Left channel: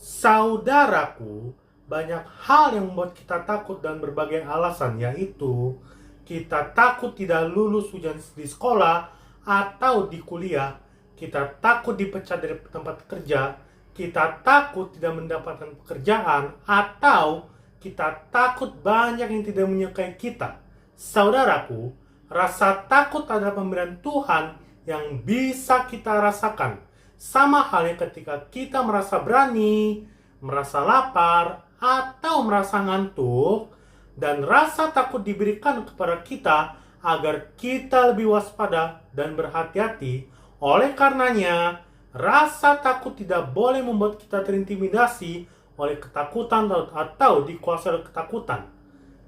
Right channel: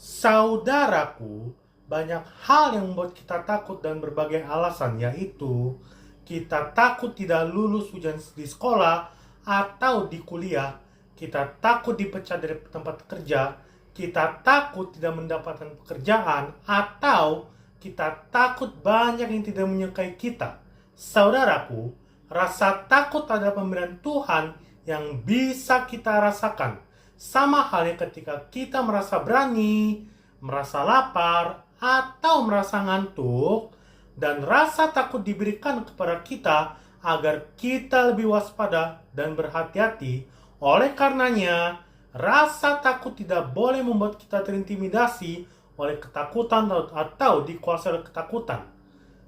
Saudaraku, banyak hal yang membuat kita takut dan berbagai alasan, yaitu kita takut tidak lulus ujian di sekolah atau di kuliah, kita takut dipecat dari tempat kerja, kita takut tidak mendapatkan pekerjaan, atau kita takut banyak yang tidak menyukai kita. Saudaraku, rasa takut adalah pemberian Tuhan yang bisa kita rasakan. Sama halnya ketika kita merasa berani, merasa lapar, atau merasa ngantuk, dan rasa takut diberikan kepada kita agar kita lebih waspada dan berhati-hati. Oleh karenanya, rasa takut tidak boleh membuat kita terintimidasi oleh ketakutan atau dikuasai oleh ketakutan.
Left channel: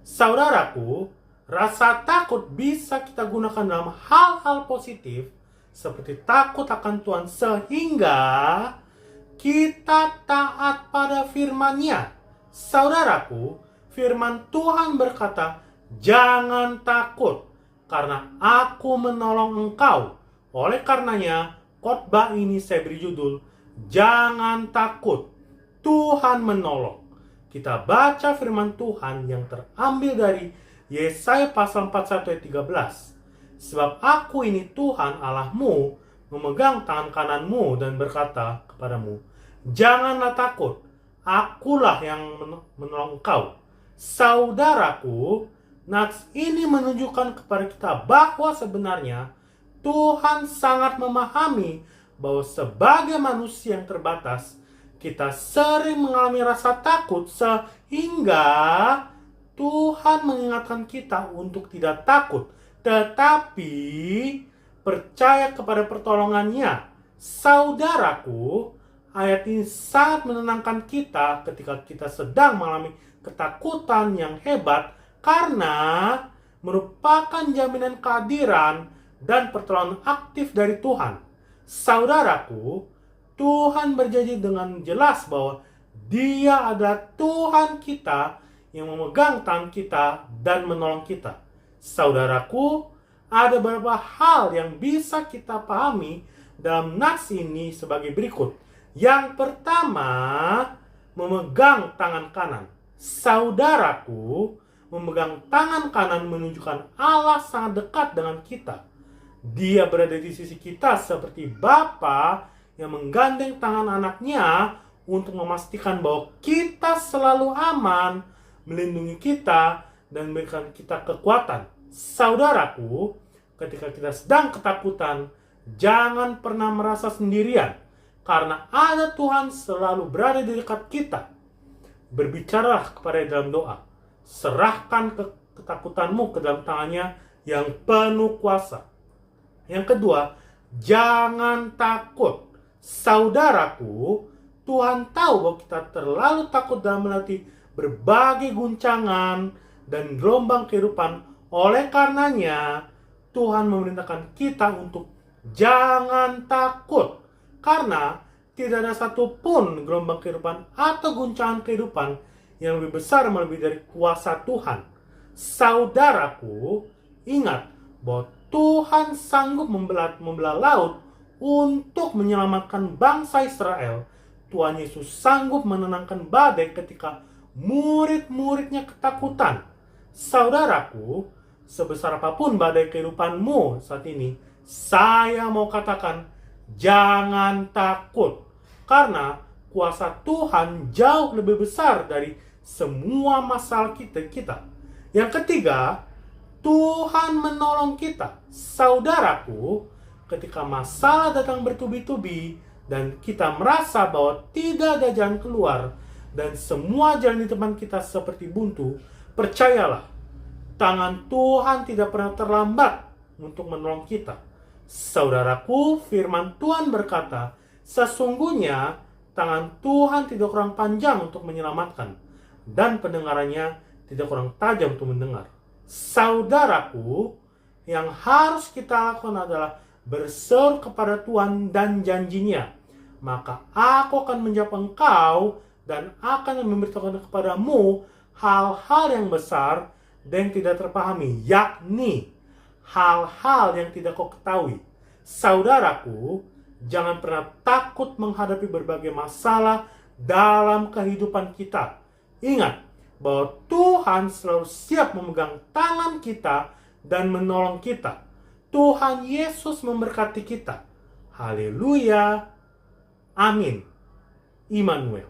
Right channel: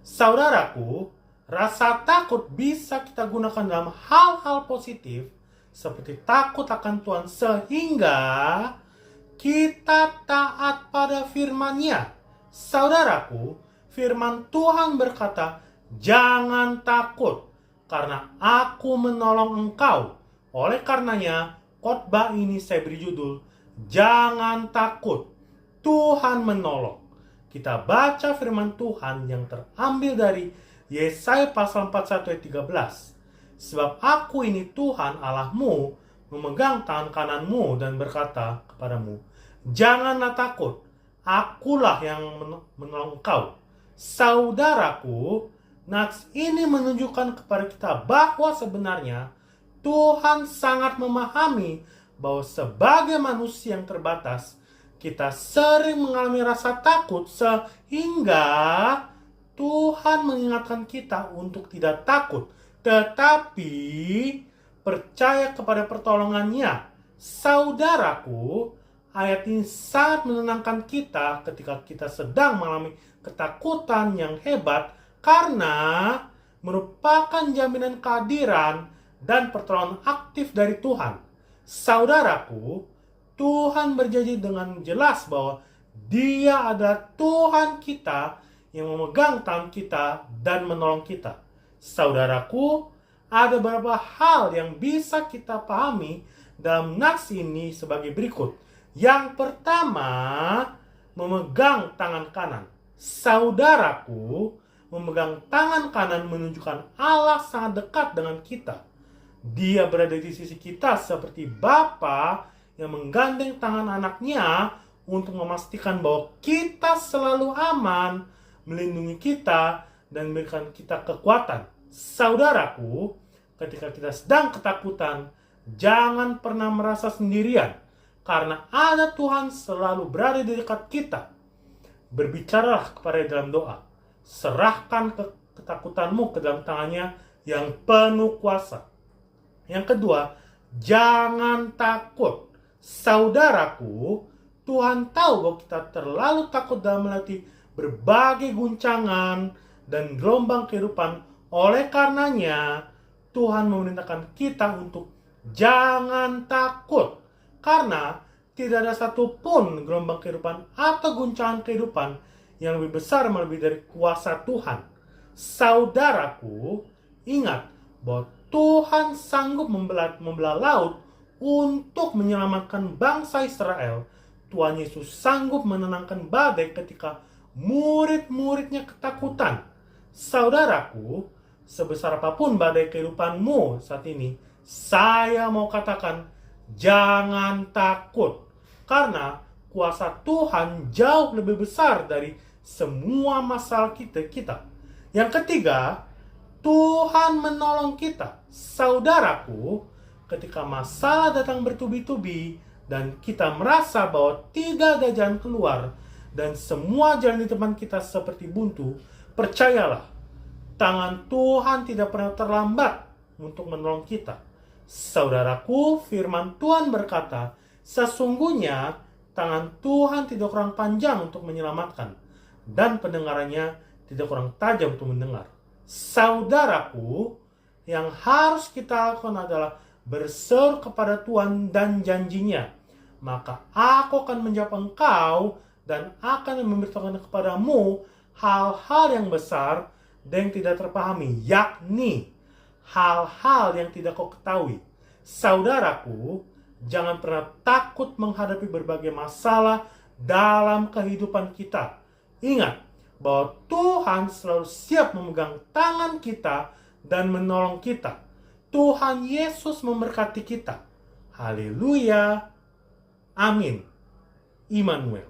Saudaraku, rasa takut bisa kita gunakan dalam hal-hal positif seperti takut akan Tuhan sehingga kita taat pada firman-Nya. Saudaraku, firman Tuhan berkata, "Jangan takut, karena aku menolong engkau." Oleh karenanya, khotbah ini saya beri judul, "Jangan takut, Tuhan menolong." Kita baca firman Tuhan yang terambil dari Yesaya pasal 41 ayat 13. "Sebab aku ini Tuhan Allahmu, memegang tangan kananmu dan berkata kepadamu, janganlah takut, akulah yang menolong engkau." Saudaraku, nats ini menunjukkan kepada kita bahwa sebenarnya Tuhan sangat memahami bahwa sebagai manusia yang terbatas, kita sering mengalami rasa takut sehingga Tuhan mengingatkan kita untuk tidak takut, tetapi percaya kepada pertolongannya. Saudaraku, ayat ini sangat menenangkan kita ketika kita sedang mengalami ketakutan yang hebat, karena merupakan jaminan kehadiran dan pertolongan aktif dari Tuhan. Saudaraku, Tuhan berjanji dengan jelas bahwa Dia adalah Tuhan kita yang memegang tangan kita dan menolong kita. Saudaraku, ada beberapa hal yang bisa kita pahami dalam nats ini sebagai berikut. Yang pertama, memegang tangan kanan. Saudaraku, memegang tangan kanan menunjukkan Allah sangat dekat dengan kita. Dia berada di sisi kita seperti Bapa yang menggandeng tangan anaknya untuk memastikan bahwa kita selalu aman, melindungi kita, dan memberikan kita kekuatan. Saudaraku, ketika kita sedang ketakutan, jangan pernah merasa sendirian, karena ada Tuhan selalu berada di dekat kita. Berbicaralah kepada dalam doa. Serahkan ketakutanmu ke dalam tangannya yang penuh kuasa. Yang kedua, jangan takut. Saudaraku, Tuhan tahu bahwa kita terlalu takut dalam melatih berbagai guncangan dan gelombang kehidupan. Oleh karenanya, Tuhan memerintahkan kita untuk jangan takut, karena tidak ada satupun gelombang kehidupan atau guncangan kehidupan yang lebih besar melebihi dari kuasa Tuhan. Saudaraku, ingat bahwa Tuhan sanggup membelah laut untuk menyelamatkan bangsa Israel. Tuhan Yesus sanggup menenangkan badai ketika murid-muridnya ketakutan. Saudaraku, sebesar apapun badai kehidupanmu saat ini, saya mau katakan, jangan takut, karena kuasa Tuhan jauh lebih besar dari semua masalah kita. Yang ketiga, Tuhan menolong kita. Saudaraku, ketika masalah datang bertubi-tubi dan kita merasa bahwa tidak ada jalan keluar dan semua jalan di depan kita seperti buntu, percayalah, tangan Tuhan tidak pernah terlambat untuk menolong kita. Saudaraku, firman Tuhan berkata, sesungguhnya tangan Tuhan tidak kurang panjang untuk menyelamatkan, dan pendengarannya tidak kurang tajam untuk mendengar. Saudaraku, yang harus kita lakukan adalah berseru kepada Tuhan dan janjinya. Maka aku akan menjawab engkau dan akan memberitahukan kepadamu hal-hal yang besar dan yang tidak terpahami, yakni hal-hal yang tidak kau ketahui. Saudaraku, jangan pernah takut menghadapi berbagai masalah dalam kehidupan kita. Ingat bahwa Tuhan selalu siap memegang tangan kita dan menolong kita. Tuhan Yesus memberkati kita. Haleluya. Amin. Immanuel.